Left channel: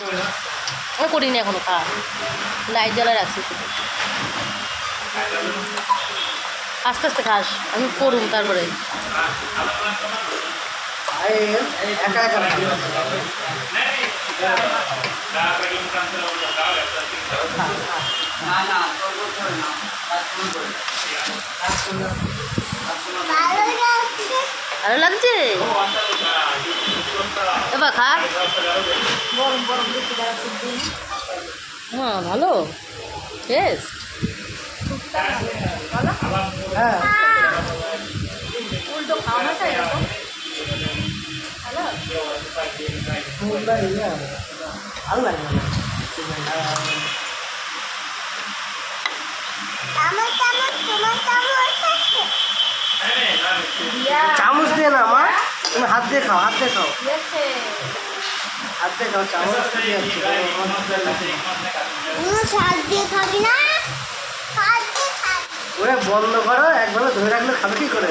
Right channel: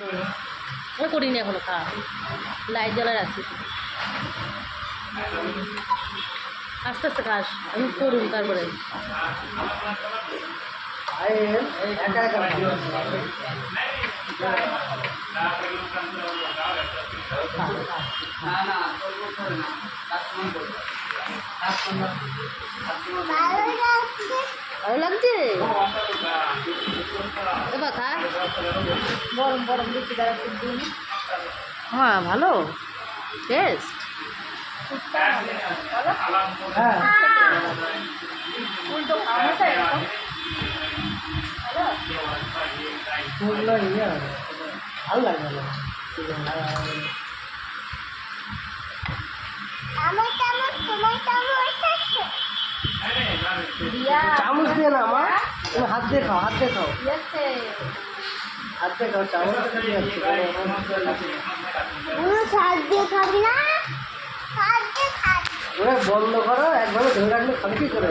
আমি করিনি এখনও খা। লাইট জ্বালা রাখছি। আস্তে আস্তে খাস আমি করুন তারপরে। একা একা ভালো লাগছে? এবার খা। হ্যাঁ ভালো। টেস্ট হ্যাঁ ভালো লাগে চামচ দিয়ে না মা? তুমি হাত দিয়ে খাও হাত দিয়ে খাও। হাত দিয়ে খাও চামচ দিয়ে যাচ্ছে দিয়ে খাবি না? ওরে বন্ধ করো একভাবে ধরে রাখলে খাবে কি করে?